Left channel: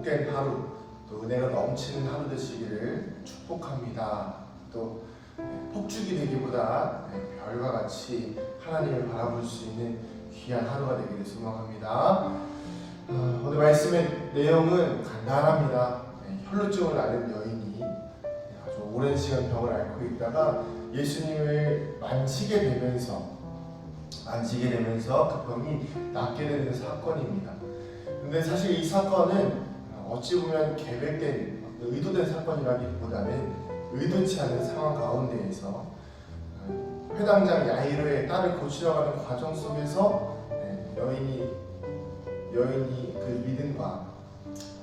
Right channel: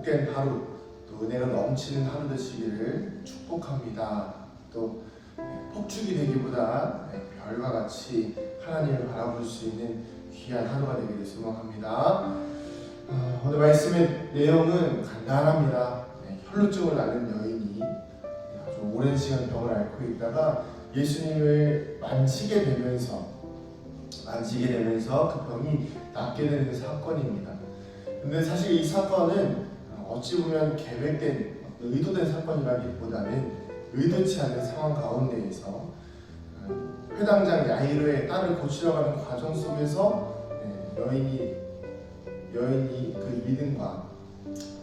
복된 하루, 또 은혜가 넘치는 하루 되시기를 축복합니다. 또 폭죽이 되기보다 별과 같이 하나님을 바라볼 수 있는 귀한 하루가 되기를 소망합니다. 오늘 말씀의 내용은 간단합니다. 혈루증을 앓는 여인이 아주 오랜 시간 병을 앓고 있다가 예수님을 만지게 되면서 그 병이 낫게 되는 사건입니다. 근데 사실 이 사건은 어찌 보면 계획된, 의도된 사건이라기보다는 의도치 않은 상황 가운데에서 회당장 야이로의 딸을 고치려 가는 과정 속에서 여인이 그 믿음과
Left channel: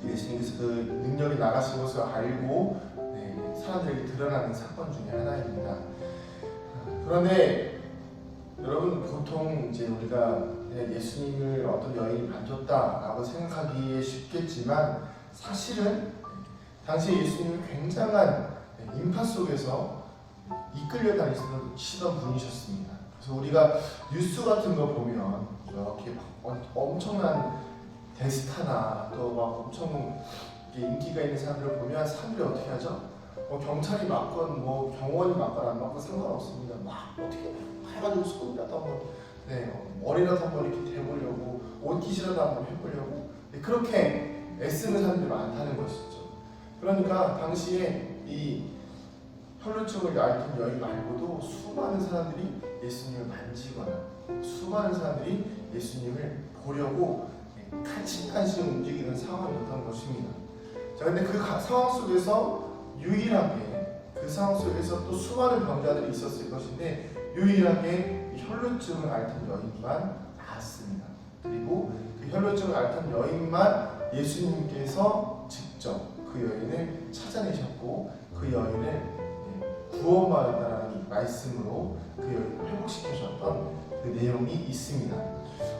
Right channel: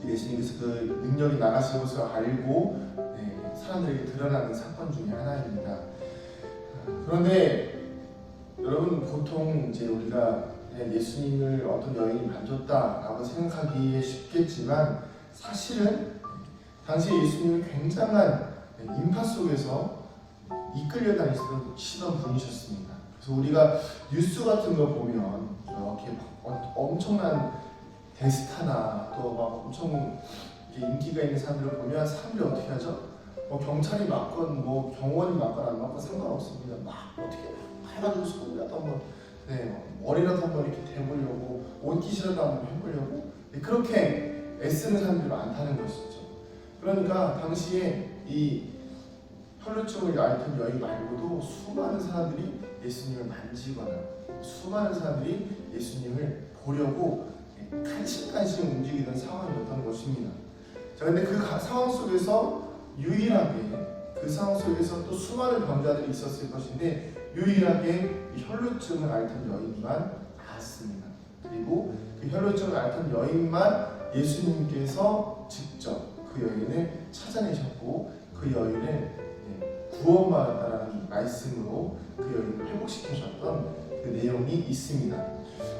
예수님께서 그 능력이 나가신 것을 알고 사람들에게 드러나는 사건 중에 하나입니다. 그런데 여러분, 보통 이제 우리가 예수님을 어떤 여인이 만졌다라고 생각하기에 쉽겠지만 사실은 당시 예수님은 굉장한 인파 속에서 이끌려 다니시던 분이셨습니다. 그래서 우리가 뉴스 같은 거 보면 이렇게 막 엄청난 대스타나 또 막 엄청 인기가 있는 사람들을 보면 사람들이 어떻게 하죠? 경찰이 맞건 병원이 맞건 안 맞건 상관없습니다. 막 어떻게 해가지고 손이라도 한번 머리라도 한번 이렇게 대보려고, 옷깃이라도 한번 해보려고 그렇게 애쓰는 사람들이 많다는 것이죠. 그러니까 당시에 이 혈루증을 앓던 여인 말고도 수많은 사람들이 예수님을 만지거나 수많은 사람들이 예수님을 보려고 간신간신 움직이는 상황이었던 것입니다. 자, 근데 그 상황 속에서 유일하게 그 상황 속에서 또 수많은 병자들이 있었을 것인데 유일하게 이 혈루증을 앓던 여인만 나았습니다. 그리고 그 혈루증을 앓던 여인만 예수님께서 직접 그 여인을 찾아내셨고 그 여인을 구원받았다는 말씀으로 그 여인을 회복시키셨던 그 내용이 있습니다.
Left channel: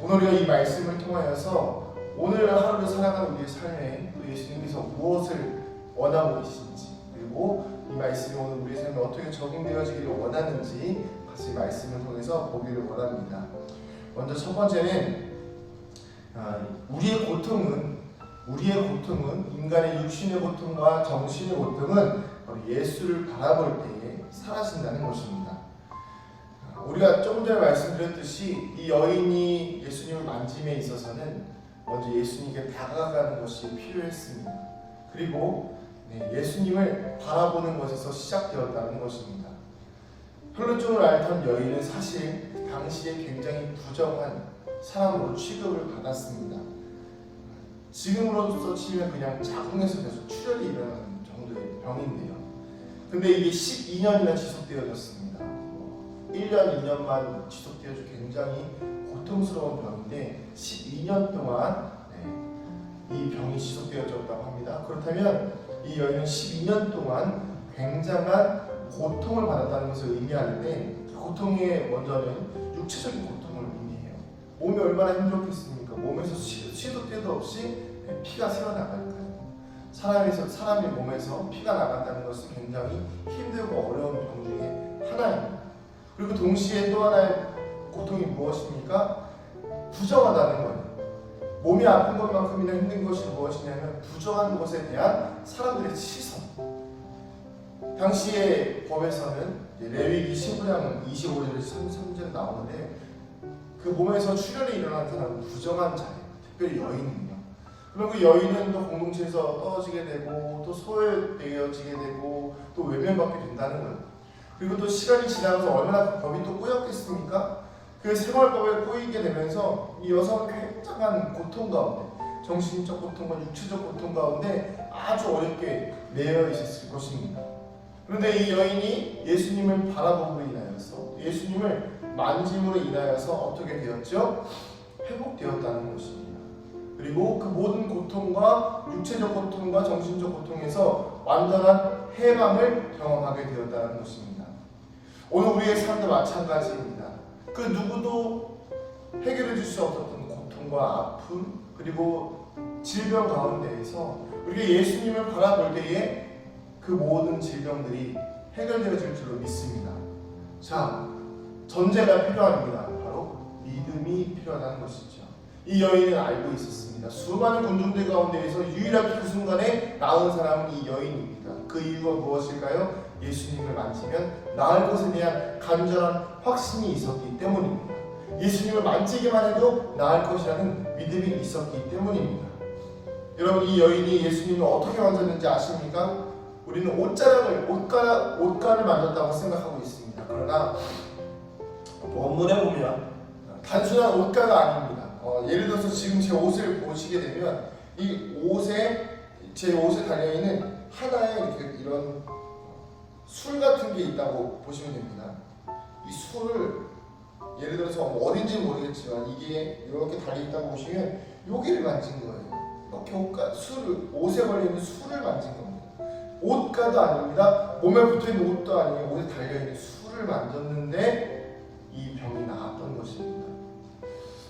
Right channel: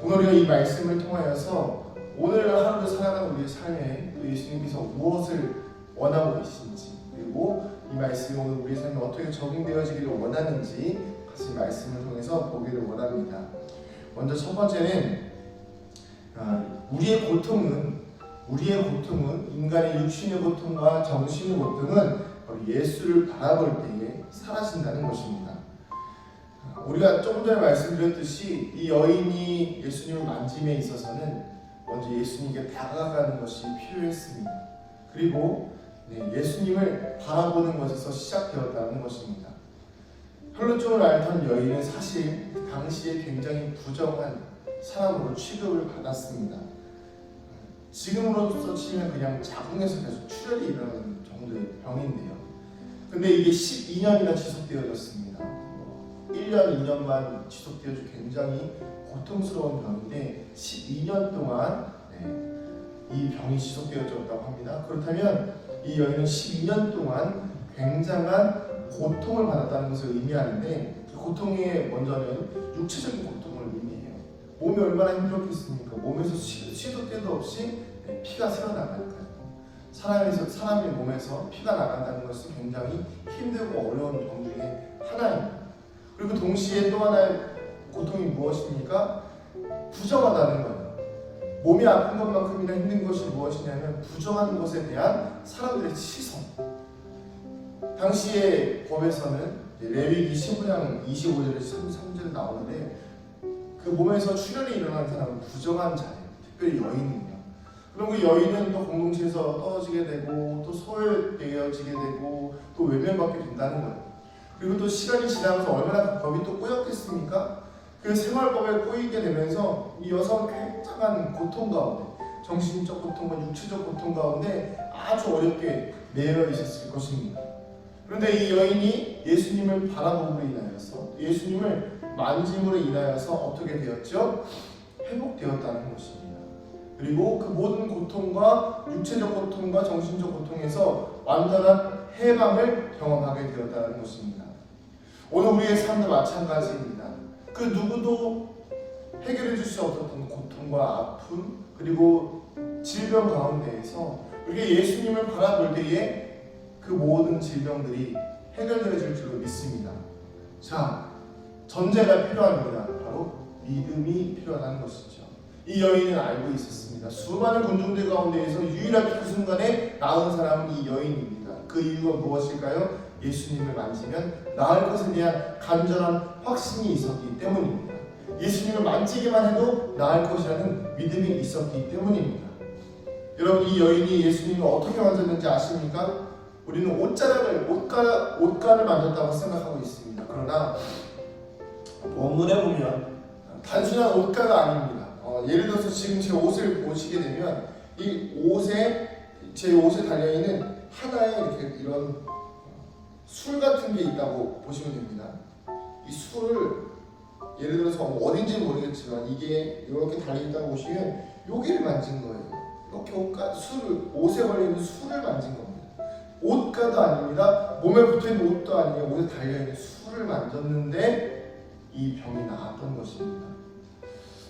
오늘 우리가 이 말씀을 통하여서 오늘 하루를 살아가는 우리의 삶에 또 예수님께서 무엇을 원하고 계신지, 그리고 이 말씀이 오늘 우리의 삶에 어떻게 적용되어지기를 원하는지 같이 말씀을 통해서 보기를 원합니다. 먼저 첫 번째는 우리의 고통은 인간의 육신의 고통과 정신의 고통은 예수를 바라볼 때에 사라진다는 것입니다. 우리가 조금 전에 말씀드렸듯이 이 여인이 예수님을 만짐에 있어서는 먼저 예수님께 다가가는 것이 필요했습니다. 그리고 예수님을 바라보는 것에서 시작되었다는 것입니다. 혈루증을 앓던 여인은 사실 당시에 굉장히 부정한 사람으로 취급을 받았습니다. 지금으로서 치면 그냥 자궁에서 계속 출혈이 일어나는 정도의 병인데요. 근데 이게 12년이나 지속되어졌습니다. 1년, 2년만 지속되어서 굉장히 고통스러운 병인데 12년 동안 이 병이 지속되어졌다고 합니다. 그렇다면 이 여인은 12년 동안 굉장한 고통을 받았다는 것을 의미하는데 그 고통의 먼저는 육체적인 고통을 의미해요. 몸이 얼마나 힘들었겠습니까? 몸에서 시도 때도 없이 피가 새어나가니까요. 사람의 몸에서 피가 나간다는 것은 굉장히 힘들고 어려운 고통 중에 하나입니다. 그리고 동시에 또 하나의 고통이 무엇입니까? 부정하다는 거예요. 몸이 아픈 것만큼이나 힘든 것이 무엇이냐면 부정한 것에 대한 사람들의 시선. 당시의 법에서는 레위기 15장 25절에서 33절에 나오는데 그 몸에서 출혈이 일어난 사람은 부정한 자예요. 특별히 여인이에요. 그럼 그 여인은 또 공동체에서 떨어지게 되고 또 소외되어지게 되고 또 외면받게 된다는 거예요. 그리고 또 시간이 지나면서 얼마나 그 법이 또 꼬였겠습니까? 그 생활법에 꼬이게 되면서 이 여성은 굉장한 고통 가운데, 정신적 고통과 육체적 고통 가운데 아주 어렵게 매여 있었을 것입니다. 그런데 이 여인이 예수님을 바라봄으로 인하여서, 예수님을 만짐으로 인하여서 어떻게 되었죠? 회복되었다는 것입니다. 그리고 그 모든 고통과 육체적 고통과 정신적 고통에서 완전한 해방을 경험하게 되었다는 것입니다. 오늘 우리의 삶도 마찬가지입니다. 그 누구도 해결해 줄 수 없었던 고통과 아픔 그리고 질병 가운데에서 우리가 예수님을 바라볼 때에 그 모든 질병들이 해결되어질 줄로 믿습니다. 자, 전제가 필요합니다. 바로 믿음이 필요하다는 것이죠. 이 여인은 알고 있었습니다. 있습니다. 수많은 군중들 가운데에서 유일하게 그 순간에 나은 사람은 이 여인입니다. 그 이유가 무엇일까요? 예수님을 만지면 나을 것에 대한 간절한 확신이 있었기 때문입니다. 예수님을 만지기만 해도 나을 것이라는 믿음이 있었기 때문입니다. 여러분, 이 여인이 예수님을 어떻게 만졌는지 아십니까? 우리는 옷가를 만졌다고 생각하고 있습니다. 그러나 본문에 보면 단순한 옷가가 아닙니다. 예를 들어서 지금 제 옷을 보시게 되면 제 옷에 달려있는 하나의 이런 술 같은 게 있다고 보시면 됩니다. 이 술을 예를 들어서 어딘지 모르겠지만 이게 이렇게 달려있다고 보시면 여기를 만진 거예요. 이렇게 옷에 걸려있는 술을 만진 겁니다. 옷가도 아닙니다. 몸에 붙어있는 옷도 아니에요. 옷에 달려있는 술을 만졌는데 이 병이 나았던 것입니다.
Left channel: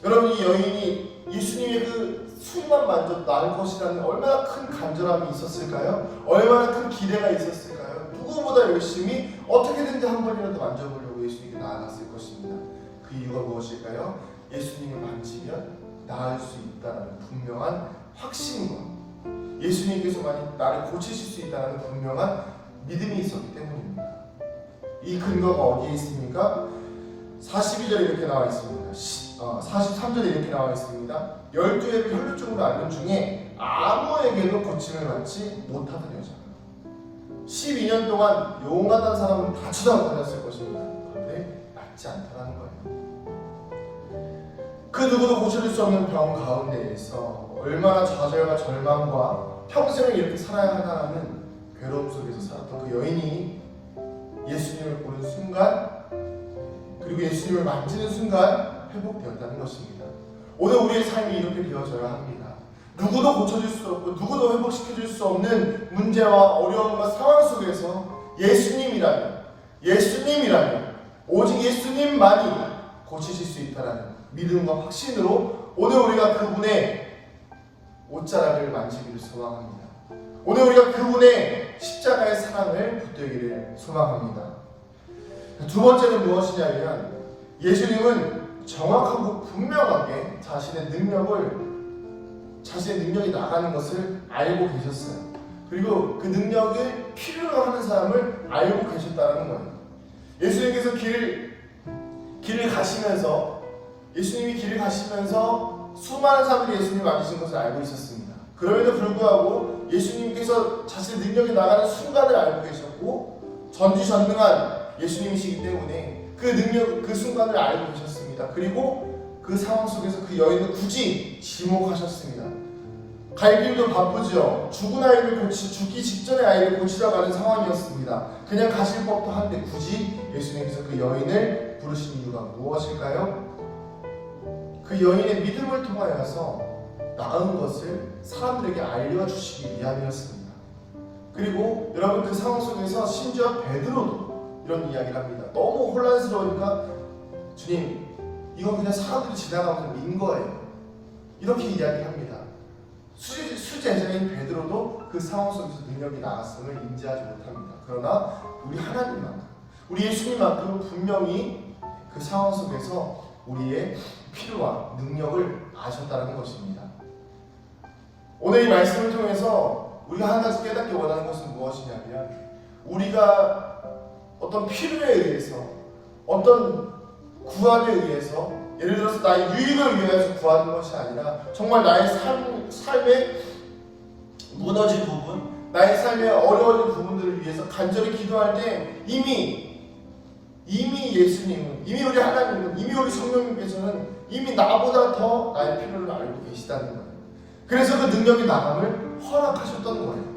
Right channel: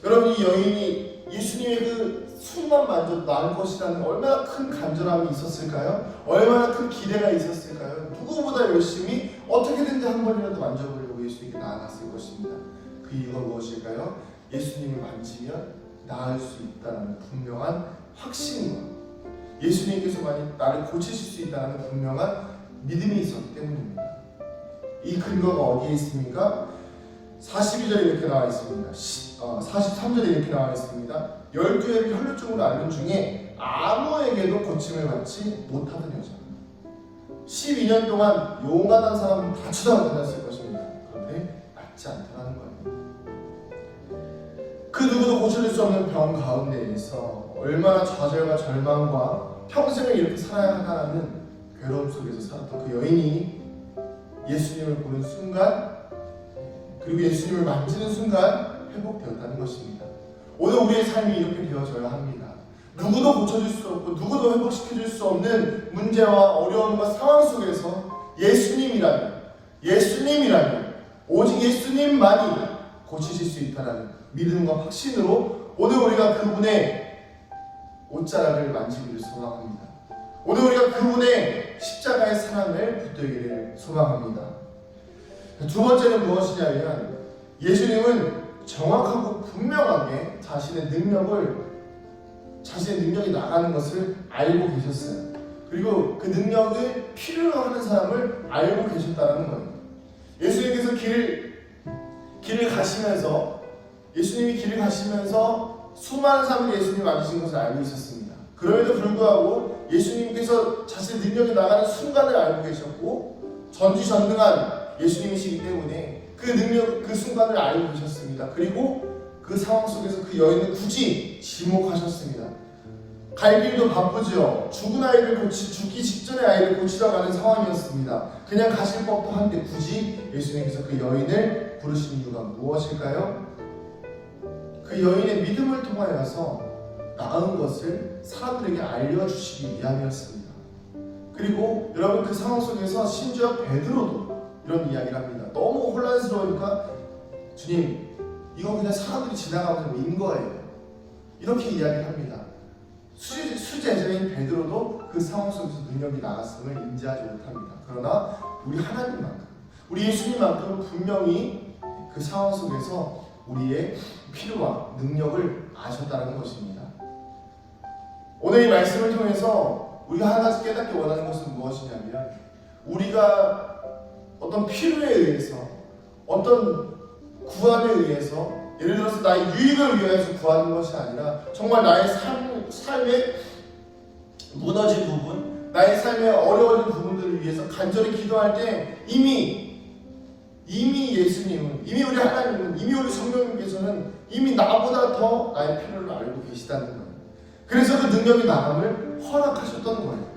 여러분, 이 여인이 예수님의 그 술만 만져도 나을 것이라는 얼마나 큰 간절함이 있었을까요? 얼마나 큰 기대가 있었을까요? 누구보다 열심히 어떻게든지 한 번이라도 만져보려고 예수님께 나아갔을 것입니다. 그 이유가 무엇일까요? 예수님을 만지면 나을 수 있다는 분명한 확신과 예수님께서 나를 고치실 수 있다는 분명한 믿음이 있었기 때문입니다. 이 근거가 어디에 있습니까? 42절에 이렇게 나와 있습니다. 43절에 이렇게 나와 있습니다. 12회를 혈루증으로 앓는 중에 아무에게도 고침을 받지 못하던 여자. 12년 동안 용하던 사람은 다 쳐다다녔을 것입니다. 그런데 낫지 않더라는 거예요. 그 누구도 고쳐줄 수 없는 병 가운데에서 얼마나 좌절과 절망과 평생을 이렇게 살아야 하나라는 괴로움 속에서 살았던 그 여인이 예수님을 보는 순간, 그리고 예수님을 만지는 순간 회복되었다는 것입니다. 오늘 우리의 삶이 이렇게 되어져야 합니다. 누구도 고쳐줄 수 없고 누구도 회복시켜줄 수 없는 문제와 어려움과 상황 속에서 예수님이라면 오직 예수님만이 고치실 수 있다는 믿음과 확신으로 오늘 우리가 그분의 옷자락을 만지기를 소망합니다. 오늘 우리가 그분의 십자가의 사랑을 붙들기를 소망합니다. 두 번째는 무엇이냐면 예수님은 정확하고 분명하게 자신의 능력이 나가는 것을 알고 계셨어요. 그리고 그 능력을 필요로 하는 사람을 알고 계셨다는 거예요. 예수님께서 예수님이 길을 가시면서 수많은 사람들이 예수님을 만지신 것을 알고 있었습니다. 그럼에도 불구하고 예수님께서 자신의 능력이 나가는 순간을 알고 계셨고 전지전능한 예수님이시기 때문에 그 순간을 알고 계셨습니다. 그리고 그 상황 속에서 그 여인을 굳이 지목하셨습니다. 갈 길도 바쁘죠. 죽기 직전에 아이를 고치러 가는 상황이었습니다. 그냥 가실 법도 한데 굳이 예수님께서 그 여인을 부르신 이유가 무엇일까요? 그 여인의 믿음을 통하여서 나은 것을 사람들에게 알려주시기 위함이었습니다. 그리고 여러분, 그 상황 속에서 심지어 베드로도 이런 이야기를 합니다. 너무 혼란스러우니까 주님, 이거 그냥 사람들이 지나가면서 민 거예요. 이렇게 이야기를 합니다. 수제자인 베드로도 그 상황 속에서 능력이 나갔음을 인지하지 못합니다. 그러나 우리 하나님만큼, 우리 예수님만큼은 분명히 그 상황 속에서 우리의 필요와 능력을 아셨다는 것입니다. 오늘 이 말씀을 통해서 우리가 한 가지 깨닫기 원하는 것은 무엇이냐면, 우리가 어떤 필요에 의해서, 어떤 구함에 의해서, 예를 들어서 나의 유익을 위해서 구하는 것이 아니라 정말 나의 삶의 무너진 부분, 나의 삶의 어려워진 부분들을 위해서 간절히 기도할 때 이미 예수님은, 이미 우리 하나님은, 이미 우리 성령님께서는 이미 나보다 더 나의 필요를 알고 계시다는 거예요. 그래서 그 능력이 나감을 허락하셨던 거예요.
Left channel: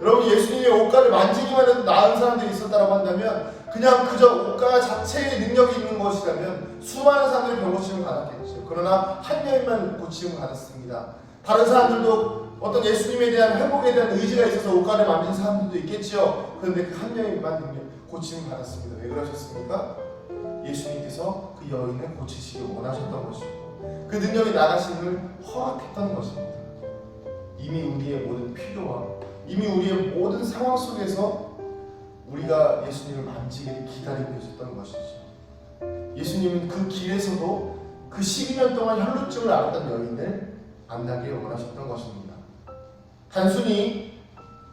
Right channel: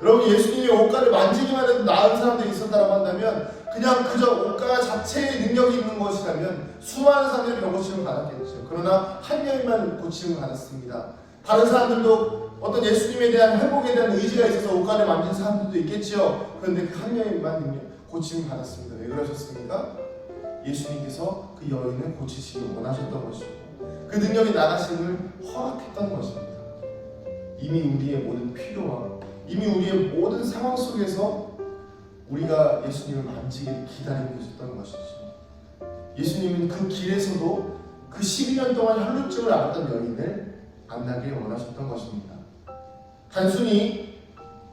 여러분, 예수님의 옷가를 만지기만 해도 나은 사람들이 있었다고 한다면, 그냥 그저 옷가 자체에 능력이 있는 것이라면 수많은 사람들이 병고침을 받았겠죠. 그러나 한 명만 고침을 받았습니다. 다른 사람들도 어떤 예수님에 대한 회복에 대한 의지가 있어서 옷가를 만진 사람들도 있겠지요. 그런데 그 한 명만 고침을 받았습니다. 왜 그러셨습니까? 예수님께서 그 여인을 고치시길 원하셨던 것이고, 그 능력이 나가심을 허락했던 것입니다. 이미 우리의 모든 필요와 이미 우리의 모든 상황 속에서 우리가 예수님을 만지기를 기다리고 계셨던 것이죠. 예수님은 그 길에서도 그 12년 동안 혈루증을 앓았던 여인을 만나길 원하셨던 것입니다. 단순히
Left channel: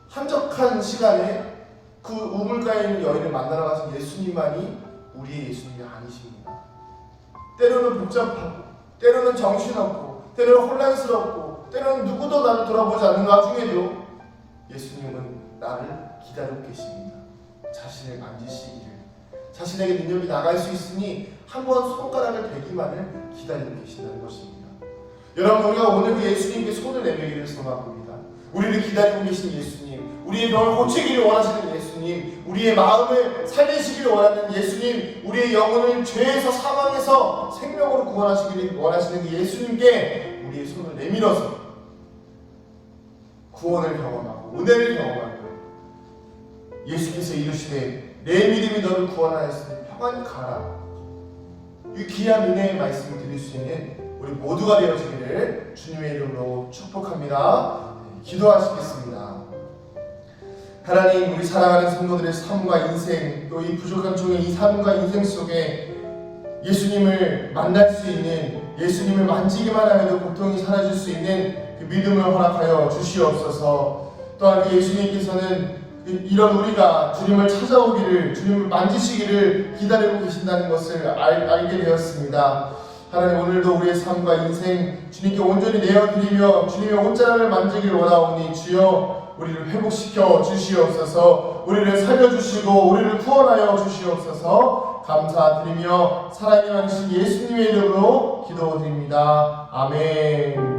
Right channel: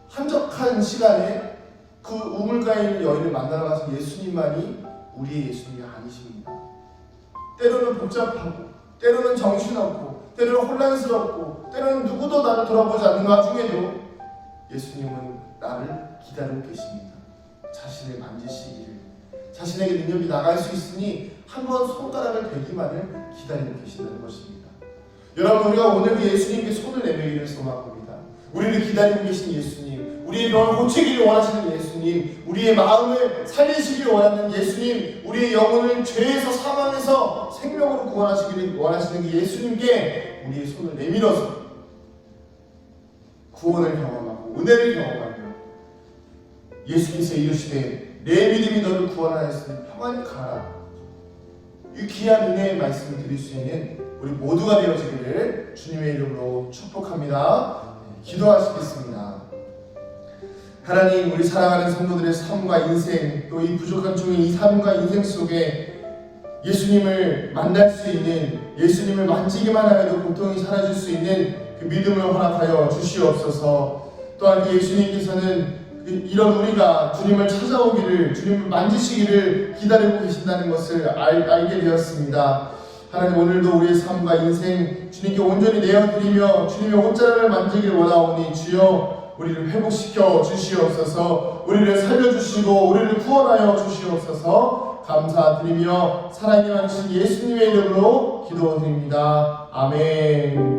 한적한 시간에 그 우물가에 있는 여인을 만나러 가신 예수님만이 우리의 예수님이 아니십니다. 때로는 복잡하고, 때로는 정신없고, 때로는 혼란스럽고, 때로는 누구도 나를 돌아보지 않는 와중에도 예수님은 나를 기다리고 계십니다. 자신을 만지시기를, 자신에게 능력이 나갈 수 있으니 한번 손가락을 대기만을 기다리고 계신다는 것입니다. 여러분, 우리가 오늘 그 예수님께 손을 내밀기를 소망합니다. 우리를 기다리고 계신 예수님, 우리의 병을 고치기를 원하시는 예수님, 우리의 마음을 살리시기를 원하는 예수님, 우리의 영혼을 죄에서 사망에서 생명으로 구원하시기를 원하시는 예수님께 우리의 손을 내밀어서 구원을 경험하고 은혜를 경험하며 예수께서 이르시되 내 믿음이 너를 구원하였으니 평안히 가라. 이 귀한 은혜의 말씀을 드릴 수 있는 우리 모두가 되어지기를 주님의 이름으로 축복합니다. 기도하시겠습니다. 하나님, 우리 사랑하는 성도들의 삶과 인생, 또 이 부족한 종의 이 삶과 인생 속에 예수님을 만날 수 있는, 예수님을 만지기만 하여도 고통이 사라질 수 있는 그 믿음을 허락하여 주시옵소서. 또한 그 예수님께서는 이런 우리가 주님을 찾아오기를, 주님을 만지시기를 기다리고 계신다는 것을 알게 되었습니다. 하나님, 오늘도 우리의 삶과 인생 주님께 온전히 내어드리며 주님의 옷자락을 만지길 원하오니 주여 우리를 회복시켜 주시옵소서. 우리를 살려주시고 우리를 구원하여 주시옵소서. 감사드리며 사랑이 많으신 예수님의 이름으로 기도드립니다. 아멘.